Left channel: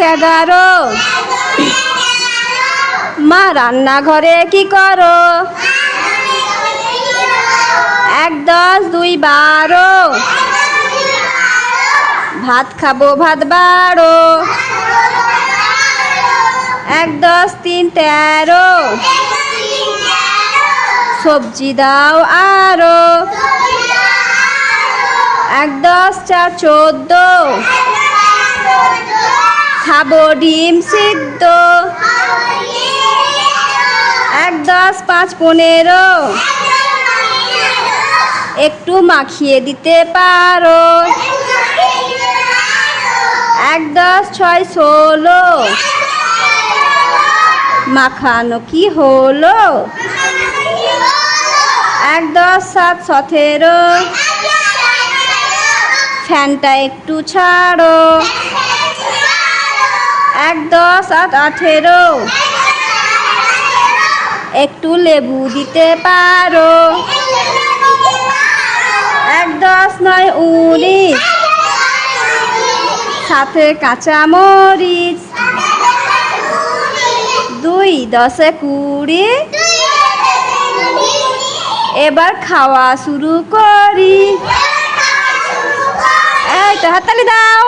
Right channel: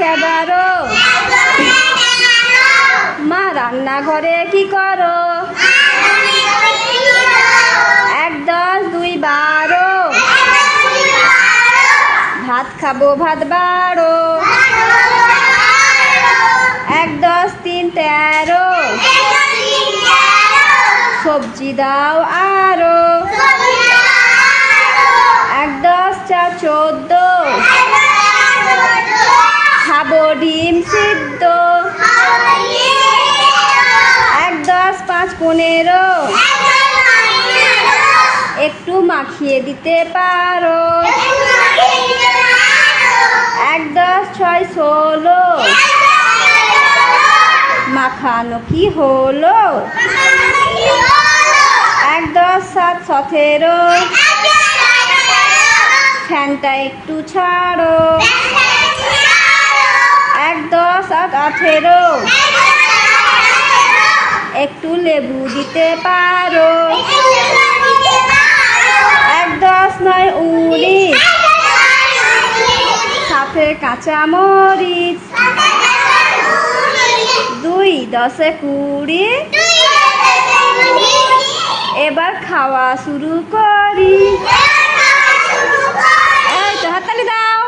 11 মা রান্নাঘরে কি করো 1 10 2 12 ভাত খাবো ভাত বাড়ো 1 10 3 13 সবজি দাও আরো 1 10 4 14 খাবো ডিম সিদ্ধ 1 10 5 15 একটু মাখিয়ে দিতে পারো 1 10 6 16 মাখানো কি হলো 1 10 7 17 ফ্যানটা একটু ছাড়ো 1 10 8 18 একটু লেবু দিতে পারো 1 10 9 19 সাথে কাঁচা মরিচ 2 10 20 এবার খাওয়া শুরু করি এই তো হাততালি দাও।